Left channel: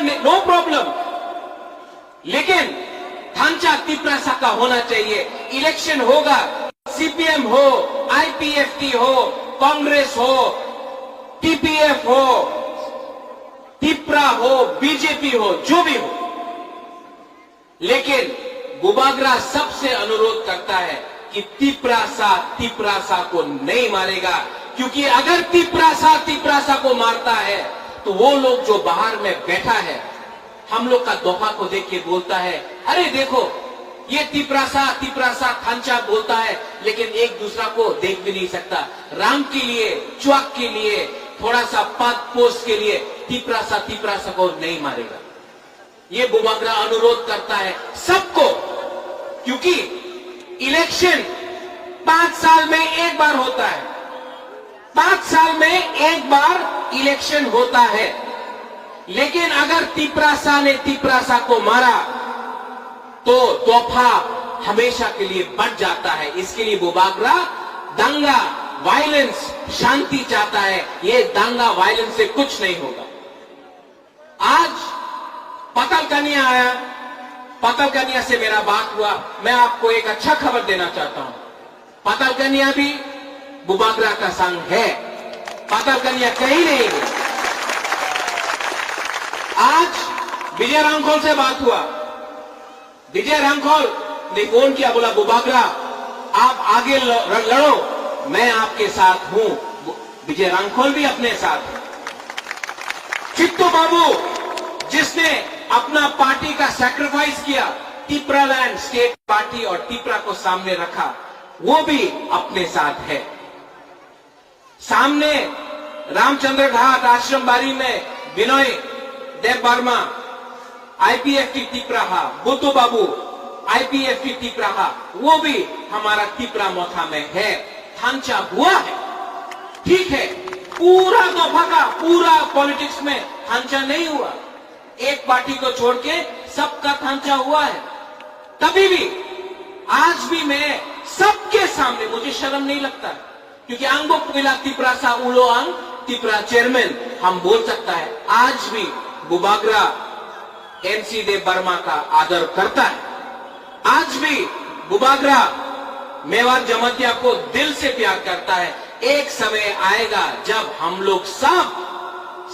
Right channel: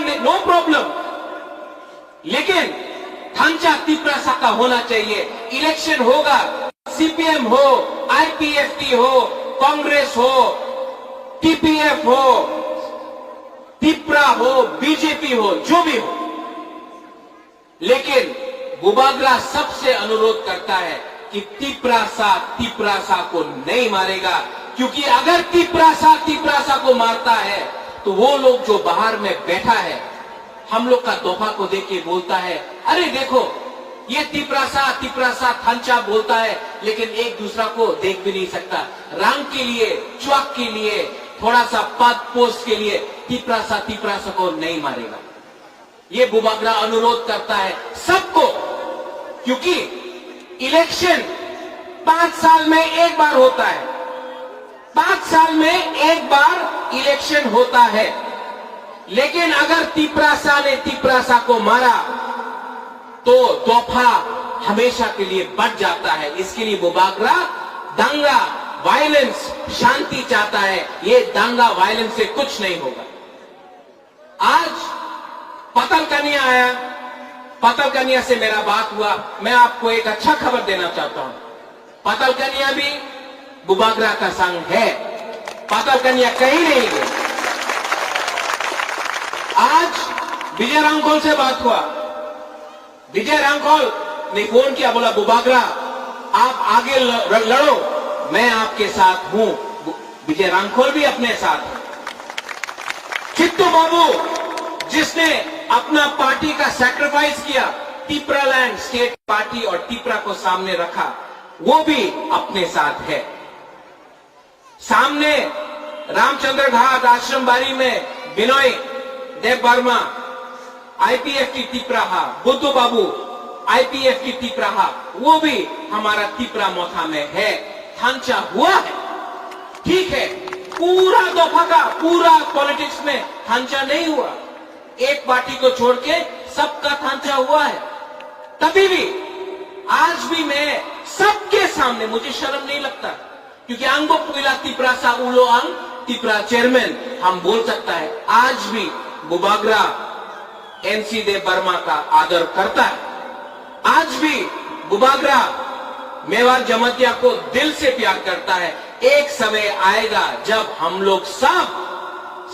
No problem, लेकिन ढांचा तिपरासा का होना चाहिए। इलेक्शन होगा, सीपीएम हो, आईपीएफटी हो, कांग्रेस हो, टीपीएफ हो, तिपरा हो, बीजेपी हो, जो भी हो, लेकिन बुबागरा सबसे अनुरोध करता है कि तिपरासा को नहीं मारेगा, क्योंकि अगर तिपरासा को मारता है तो वो लोग जो बाहर में बैठा है, हम लोग का दोहा को देख के बोलता है, अरे देखो ये तिपरासा खांचा बोलता है, लेकिन एक दूसरा को देख भी नहीं सकता। रंग के लिए, चौक के लिए, थोड़ा सा पद पोस्ट के लिए तिपरासा को नहीं मारेगा। ये बुबागरा अनुरोध करता है सबको, क्योंकि इलेक्शन 5 साल में एक बार होता है, 5 साल में एक बार इलेक्शन होता है। लेकिन अगर तिपरासा ने तिपरासा को मारा तो तोहफा हमेशा के लिए बच जाता है। इसके लिए बुबागरा दंगा, वायलेंस, शांति चाहता है। ये दंगा वायलेंस से कुछ नहीं होगा। आज पतल कन्या आया, पतल कन्या से मेरा बात हुआ। मैं आपको एक अच्छा खबर देना चाहता हूं, पतल कन्या भी बुबागरा का संग है, पतल कन्या कहीं नहीं गई। आज विजय रामखोल से बात हुआ, विजय रामखोल ने फोन किया, बोला बुबागरा आप आगे लड़ो, मैं आपके साथ हूं। विजय रामखोल भी अपने साथ है। चित्तू बाबू जिसने अपना पार्टी का सैक्रिफाइस किया, तिपरालैंड स्टेट पार्टी और तिपरा को सामने रखा, वो भी अपने साथ है। सामने रामचंद्र घाट आश्रम बारी में विनय देव वर्मा आईपीएफटी तिपराहा, बुद्धू बाबू आईपीएफटी तिपराहा, वो भी हमारा तिपरा मौका में है। ढांचा हुआ है, ठीक है, पूरा दफा का पूरा पॉलिटिक्स में ढांचा नहीं हुआ, एक पार्टी को छोड़ के सबका ढांचा हुआ है। तभी भी आज भी मैं सबके सामने, मुझे शर्म नहीं लगता, क्योंकि अंगो कबिला तिपरासा उलो अंग तिपरा चेयरमैन हम बोल सकता है। आज भी बुबागरा एनसी देव वर्मा का आदर करता है। आज भी बुबागरा मेवाड़ जमातिया को दिल से प्यार करता है। एक समय आएगा जब हम लोग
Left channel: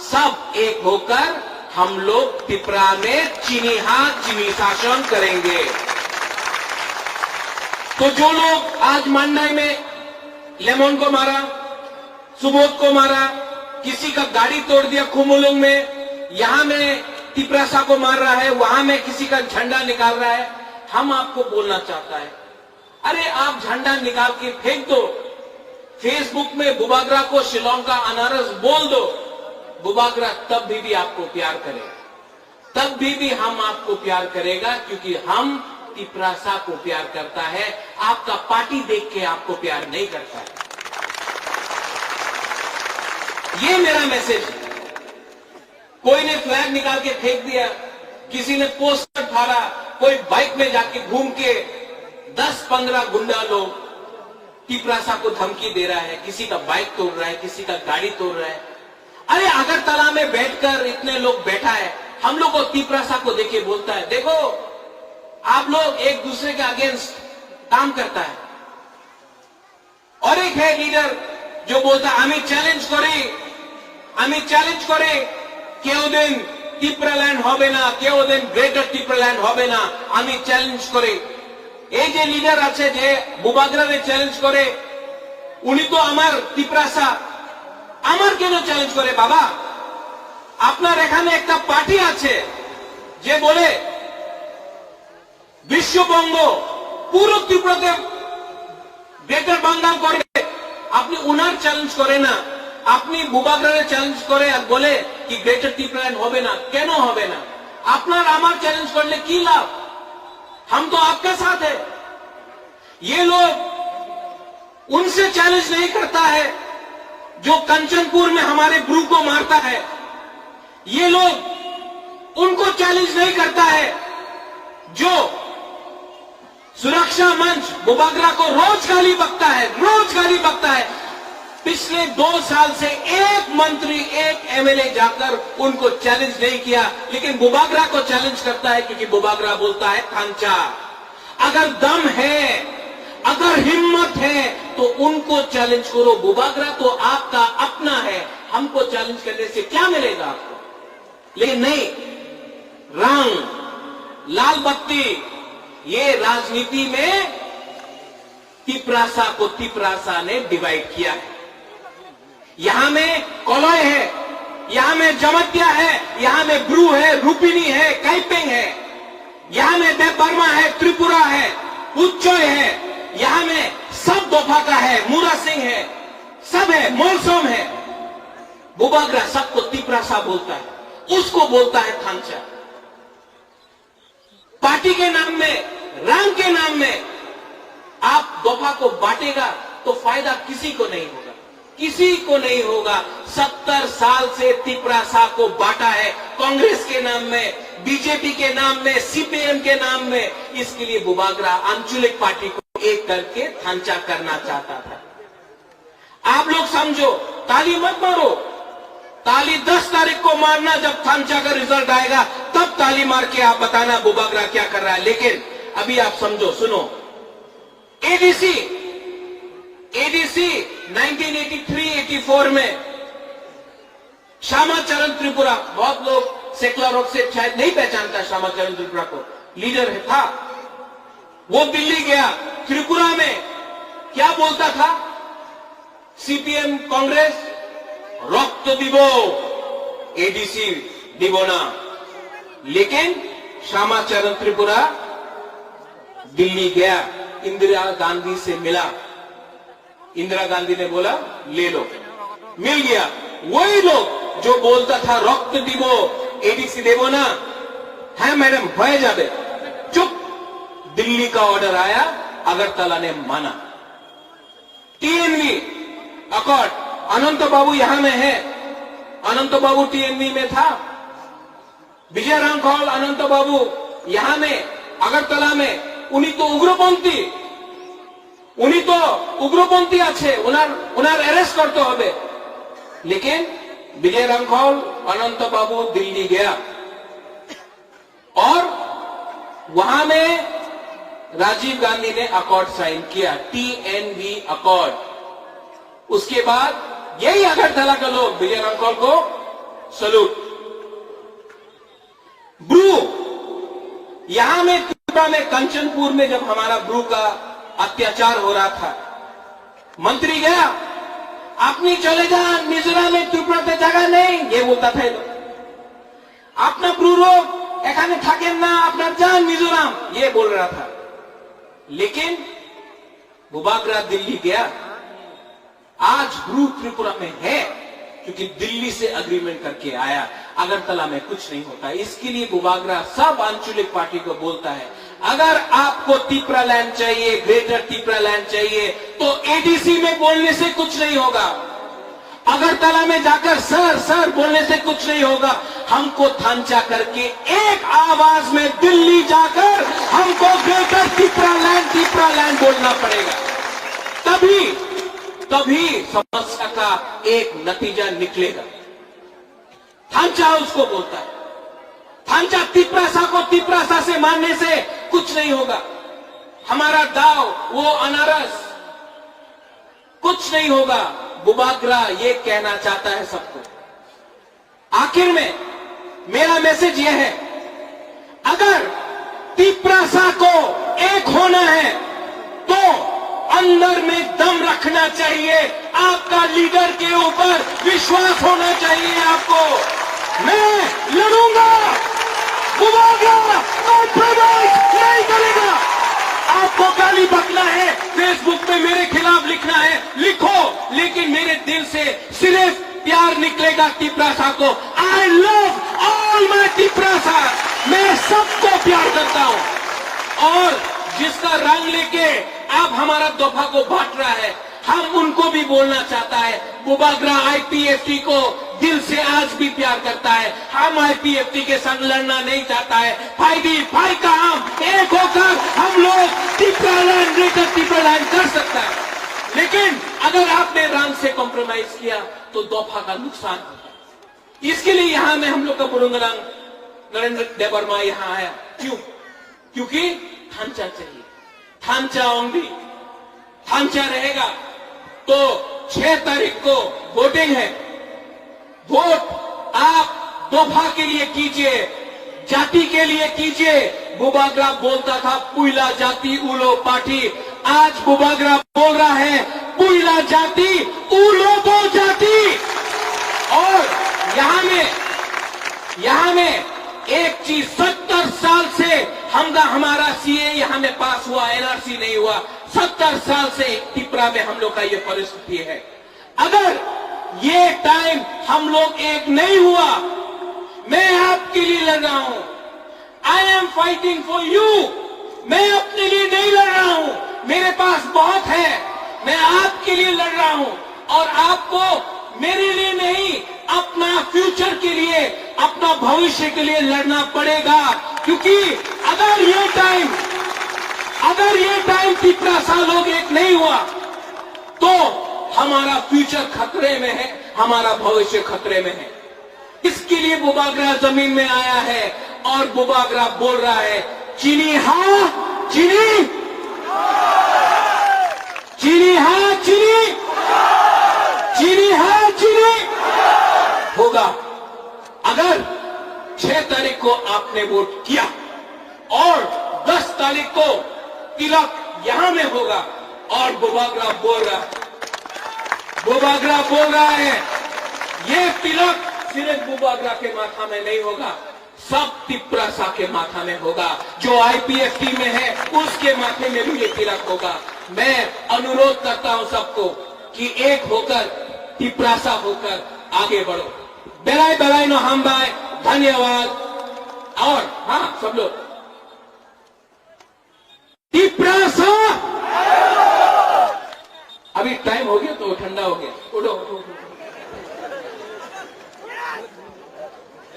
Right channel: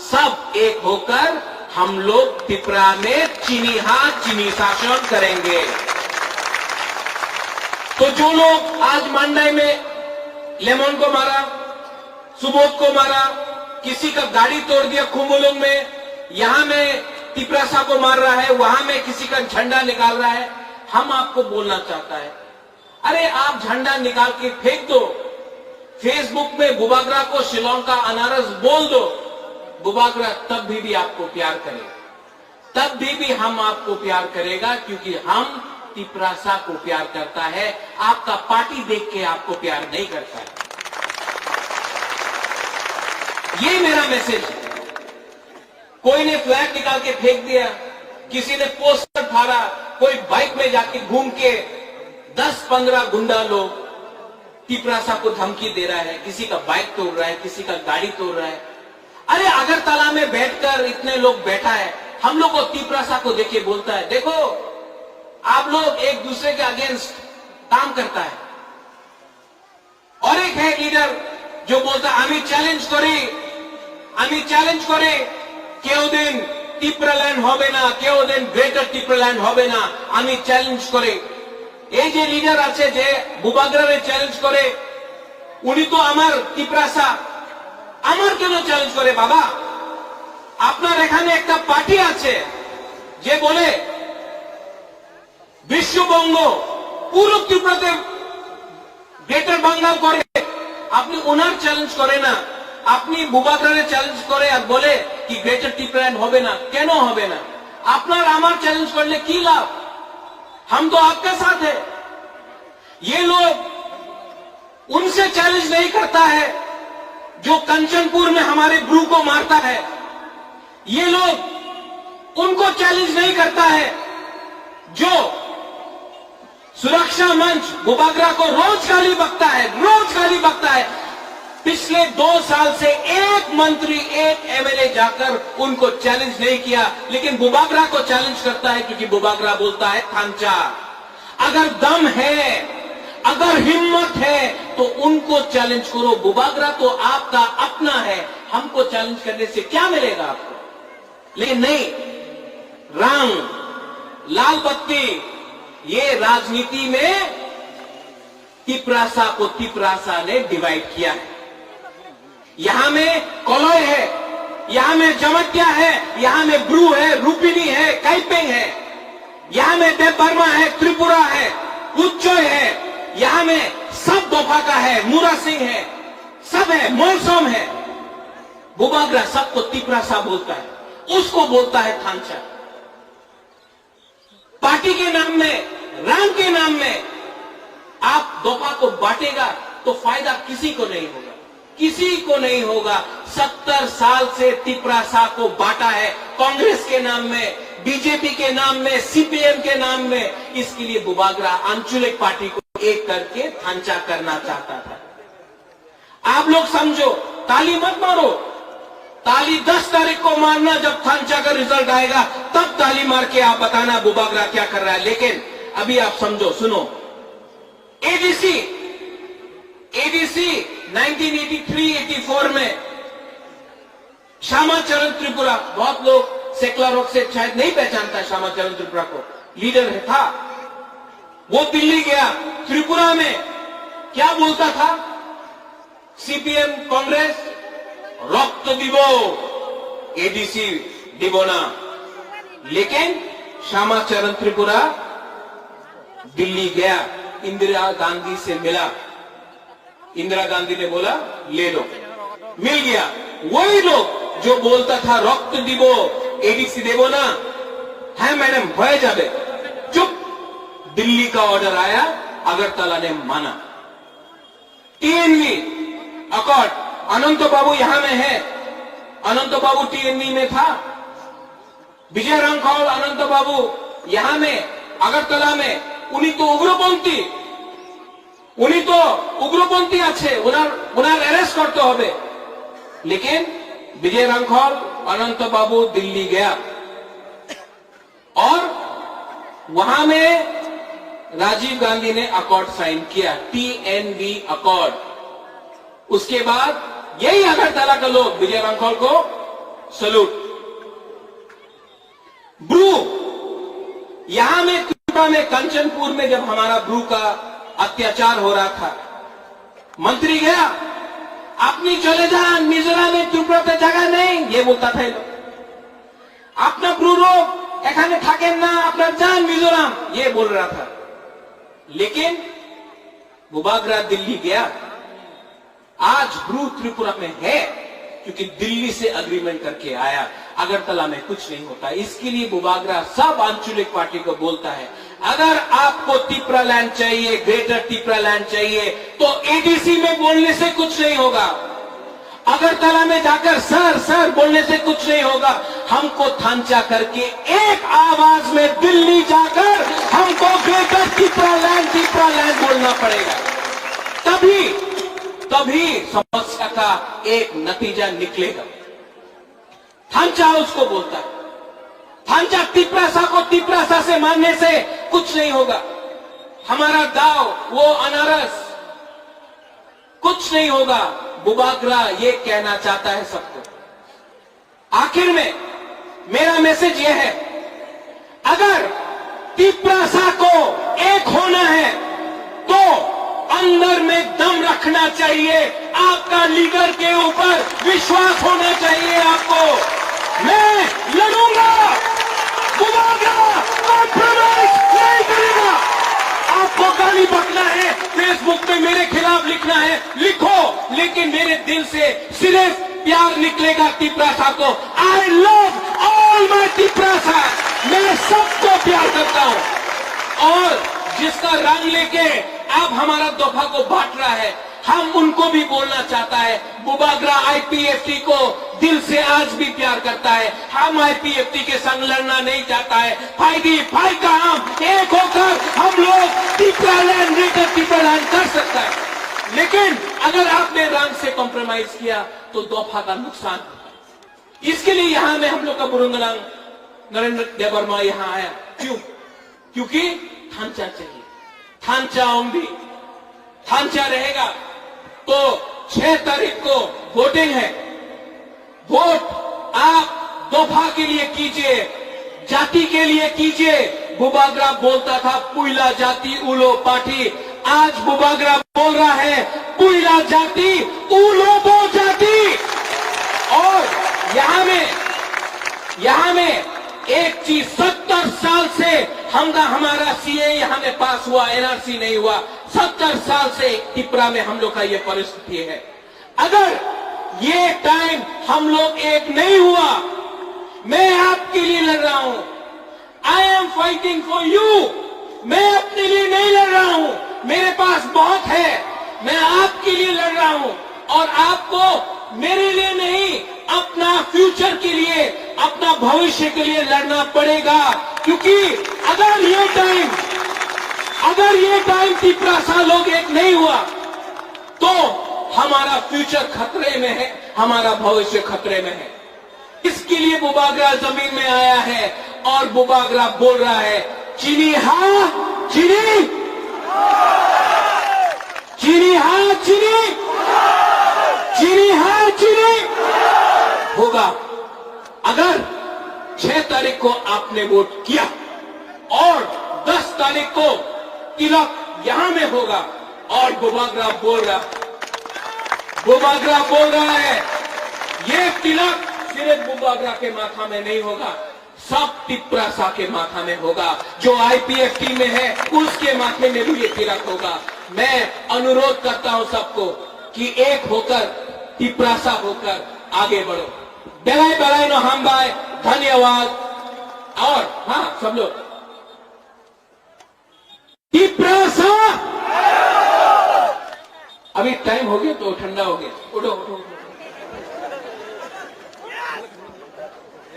सब एक होकर हम लोग तिपरा में चीनी हाथ चीनी शासन करेंगे। तो जो लोग आज मंडाई में लेमन को मारा, सुबोध को मारा, किसी का गाड़ी तोड़ दिया कुमुलुंग में, यहां में तिपरासा को मार रहा है, वहां में किसी का झंडा निकाल रहा है, हम आपको बोलना चाहता है, अरे आप झंडा निकाल के फेंक दो, फेसबुक में बुबागरा को शिलोंग का अनारस बोल दो, बुबागरा तब भी आपको प्यार करेगा, तब भी हम आपको प्यार करेगा, क्योंकि हम तिपरासा को प्यार करता है। आपका पार्टी देख के आपको प्यार नहीं करता है। ये मेरा मैसेज है। कोई ने फ्लैग निकाल के फेंक दिया, किसी ने पोस्टर फाड़ा, कोई बाइक में जाके घूम के 10-15 गुंडा लोग तिपरासा को धमकी दे रहा है, किसी का बाइक तोड़ रहा है, किसी का गाड़ी तोड़ रहा है। अरे अगरतला में बैठकर इतने लोग बैठा है, हम लोग को तिपरासा को देखे बोलता है, देखो आप लोग एक दूसरे के अगेंस्ट काम करता है। और एक है लीडर जो बोलता है আমি চ্যালেঞ্জ করে কেউ দিন তিপরাল্যান্ড হবে না, কেউ দিন গ্রেটার তিপরাল্যান্ড হবে না, আমি চ্যালেঞ্জ করে। এই যে লিডার আছে যে বুবাগরারে চ্যালেঞ্জ করে, উনি তো আমার তিপরাসা, আমার কেন চ্যালেঞ্জ করে বাবা? আপনার এখানে একটা পার্টি আছে যে বলে বিশ্ববঙ্গ পুরো ত্রিপুরাতে গ্রেটার বাংলা করে, আপনি ওনার চ্যালেঞ্জ করে না, আপনি বুবাগরারে চ্যালেঞ্জ করে আর বলে कि ग्रेटर तिपरालैंड होबे ना, क्यों होबे ना? अपना आमार चैलेंज करने की लाभ? हम तो आपका साथ है। ये लोग उनसे चैलेंज नहीं करता है जो कंचनपुर में हमारे ब्रू को मारता है, ये लोग उनको चैलेंज नहीं करता है जो सुरक्षा मंच बुबागरा को रोज गाली बकता है, रोज गाली बकता है। पिछले 2 साल से एक मंत्री, एक एमएलए जाकर उनको चैलेंज नहीं किया, लेकिन बुबागरा को चैलेंज करता है, क्योंकि बुबागरा बोलता है थांचा, अगर दम है, अगर हिम्मत है तो उनको चैलेंज करो। बुबागरा तो आपका अपना है, हमको चैलेंज करने से क्या मिलेगा आपको? लेकिन नहीं, रंग, लाल बत्ती, ये राजनीति में तिपरासा को तिपरासा ने डिवाइड किया है। यहां में कोलोय है, यहां में जमत्या है, यहां में ब्रू है, रूपिनी है, काइपेंग है, यहां में देवबर्मा है, त्रिपुरा है, उच्चोय है, यहां में सब दोफा का है, मूरा सिंह है, सब है, मोलसोम है। बुबागरा सबको तिपरासा बोलता है, उसको बोलता है थांचा। पार्टी के नाम में, रंग के नाम में आप दोफा को बांटेगा तो फायदा किसी को नहीं होगा, किसी को नहीं होगा। 70 साल से तिपरासा को बांटा है, कांग्रेस के नाम में, बीजेपी के नाम में, सीपीएम के नाम में। इसके लिए बुबागरा आंचलिक पार्टी को एक करके थांचा करना चाहता था। आप लोग समझो, ताली मत मारो, ताली 10 तारीख को मारना, जब थांचा का रिजल्ट आएगा तब ताली मार के आप बताना बुबागरा क्या कर रहा है। लेकिन अभी आप समझो, सुनो, एडीसी 1983-84 में श्यामाचरण त्रिपुरा, बहुत लोग सेकुलर हक से शायद नहीं पहचानता श्यामाचरण त्रिपुरा को, लीडर था वो। दिल्ली गया, त्रिपुरा में क्या बोलता था? सीपीएम कांग्रेस रक्त दिबो, एडीसी दिबोना। लेकिन श्यामाचरण त्रिपुरा दिल्ली गया, इंदिरा गांधी से मिला, इंदिरा गांधी ने बोला ले लो, मिल गया। वही लोग जो बोलता था रक्त दिबो, एडीसी देबो ना, है मैडम हो जाबे, चुप। दिल्ली का ऑर्डर आया, अगरतला ने माना। टीएनवी अकॉर्ड, अनंत बाबू यहां में है, अनंत बाबू टीएनवी में था, विजय रांखल अनंत बाबू यहां में अगरतला में, उन्हीं तो उग्रपंथी, उन्हीं तो उग्रपंथी আছে, उनार अरेस्ट करते হবে। लेकिन विजय रांखल अनंत बाबू दिल्ली गया और वहां में राजीव गांधी ने अकॉर्ड साइन किया, टीएनवी अकॉर्ड। उसके बाद यही अगरतला के लोग विजय रांखल को सल्यूट। ब्रू, यहां में त्रिपुरा में कंचनपुर में जब हमारा ब्रू का अत्याचार हो रहा था, मंत्री गया, अपनी चले जा मिजोरम में, त्रिपुरा पे जगह नहीं, ये बोलता था। अपना ब्रू लोग एखाने थाकेन ना, अपना जान मिजोरम, ये बोल रहा था। लेकिन बुबागरा दिल्ली गया, आज ब्रू त्रिपुरा में है क्योंकि दिल्ली से अग्रीमेंट करके आया। अगरतला में कुछ नहीं होता। इसके लिए बुबागरा सब आंचलिक पार्टी को बोलता है, अगर आपको तिपरा लैंड चाहिए, ग्रेटर तिपरा लैंड चाहिए, तो एडीसी में बोलने से कुछ नहीं होगा, अगरतला में जाकर सर सर बोलने से कुछ नहीं होगा। हमको थांचा करके एक आवाज में दिल्ली जाकर हमको ग्रेटर तिपरा लैंड बोलना पड़ेगा, तभी समस्या का एक नतीजा निकलेगा। थांचा उसको बोलता है, थांचा तिपरासा को तिपरासा से मारने से कुछ नहीं होगा। हमारा दाव वो अनारस, कुछ नहीं होगा। बुबागरा ये कहना चाहता है सबको। आखिर में मेरा मैसेज यह है, अगर तिपरासा को एक होना है तो अंदर में दम रखना चाहिए, आपका लीडर के ऊपर विश्वास होना चाहिए आपको। मैं लड़ूंगा, बुबागरा नहीं करेगा। आपको गाली बकना है, फेसबुक पे मेरे खिलाफ लिखना है, लिखो, लेकिन मेरे दिल से सिर्फ प्यार निकलेगा तिपरासा को। I love all my Tiprasa, मैं सबको प्यार करता हूं। और जिसका रंग लेके अब हमारा दोफा को बांट रहा है, हम उनको भी बोलना चाहता है, बुबागरा आईपीएफटी को दिल से आज भी प्यार करता है। हम आईपीएफटी के संग लड़ना नहीं चाहता है। भाई का हम एक होकर हम लोग Tipra land, greater Tipra land कर सकता है। लेकिन अगर आपने रंग से कॉम्प्रोमाइज किया तो दफा का नुकसान होगा। इसके लिए यहां में हम लोग का बुरुंगरंग नरेंद्र देवर्मा यहां आया। क्यों? क्योंकि ढांचा चाहिए, ढांचा होंगी, ढांचा रहेगा तो 6 तारीख को वोटिंग है। वोट आप दफा के लिए कीजिए, जाति के लिए कीजिए। बुबाग्रा बोलता था पुइला जाति उलो पार्टी, आज बुबाग्रा बोल रहा है पुइला जाति उलोबो जाति। और यहां में एक चीज, 70 साल से हमारा सीए यहां में पास हुआ, एनआरसी नहीं हुआ। 70 साल से त्रिपुरा में हम लोग का ये परिस्थिति है। अगर ये टाइम हम लोग एक नहीं हुआ, मैं आपके लिए लड़ रहा हूं, I am fighting for you. मैं अपने लिए नहीं लड़ रहा हूं, मेरे पास बहुत है, मैं आपके लिए लड़ रहा हूं। और आपको मेरे लिए नहीं, अपना फ्यूचर के लिए, अपना भविष्य के लिए लड़ना पड़ेगा। क्योंकि अगर ये टाइम त्रिपुरा सा लोग एक नहीं हुआ तो हमारा फ्यूचर खतरे में है, हमारा भविष्य खतरे में है। इसके लिए बुबाग्रा जमीन में आया है और बुबाग्रा बोल रहा है चीनी हाँ चीनी, चीनी हाँ चीनी, चीनी हाँ चीनी होगा। अगर 6 तारीख को आपने वोट किया और 10 तारीख को तिलक यहां में होगा और बुबाग्रा बोल रहा है ये तिलक सिर्फ बुबाग्रा के माथा में नहीं होगा, सब त्रिपुरा के माथा में होगा। जो आईपीएफ टीम में है उसके माथे में भी ये तिलक होगा। मैं अनुरोध करता हूं सबको कि एक होकर त्रिपुरा होकर आगे बढ़ो। बेलाय बेलाय नो हम बाय, धन्यवाद। और हाँ सब लोग त्रिपुरा अभी टाइम हो गया तो ठंडा हो गया, उठो।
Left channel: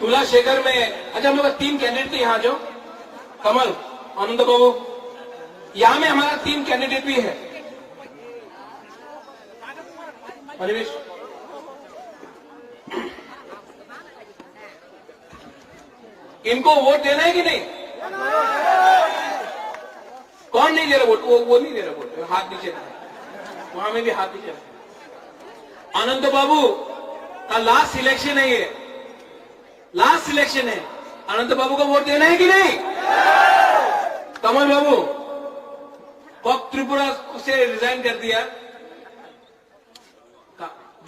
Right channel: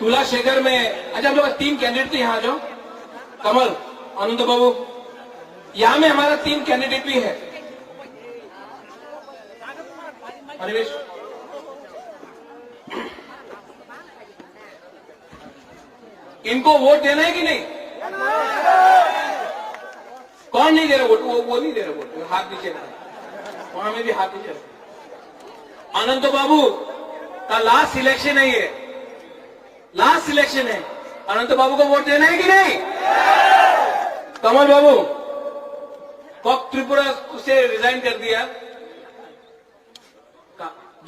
तुला शेखर में अच्छा हम लोग 3 कैंडिडेट थे, यहां आ जाओ। कमल, आनंद बाबू, यहां में हमारा 3 कैंडिडेट भी है। अनिवेश, इनको वोट देना है कि नहीं? कौन नहीं दे रहा वोट? वो नहीं दे रहा वोट, हाथ नीचे रहा, वहां में भी हाथ नीचे रहा। अनंत बाबू का लास्ट सिलेक्शन है, ये लास्ट सिलेक्शन है। अनंत बाबू को वोट देना है कि नहीं? कमल बाबू कब त्रिपुरा से रिजाइन कर दिया,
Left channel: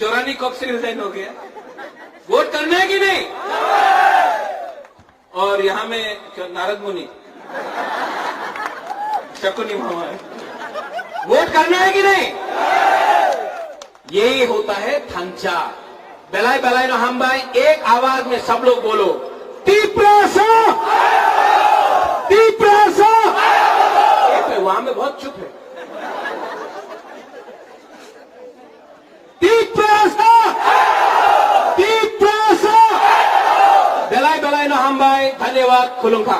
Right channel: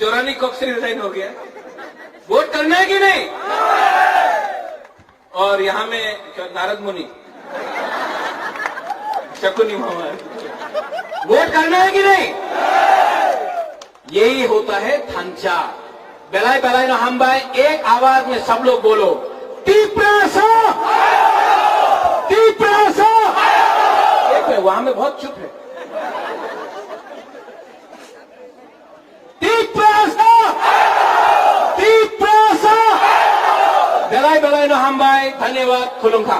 जोरानी कब से रिजाइन हो गया, वोट करना है कि नहीं? और यहां में नारद मुनि, शकुनी मोहन, वोट करना है कि नहीं? यही होता है ढांचा। बेलाय बेलाय नो हम भाई, एक आवाज में सब लोग बोलो त्रिपुरा वहां में बहुत चुप है। त्रिपुरा बेलाय बेलाय नो हम भाई, धन्यवाद। खुलुंखा।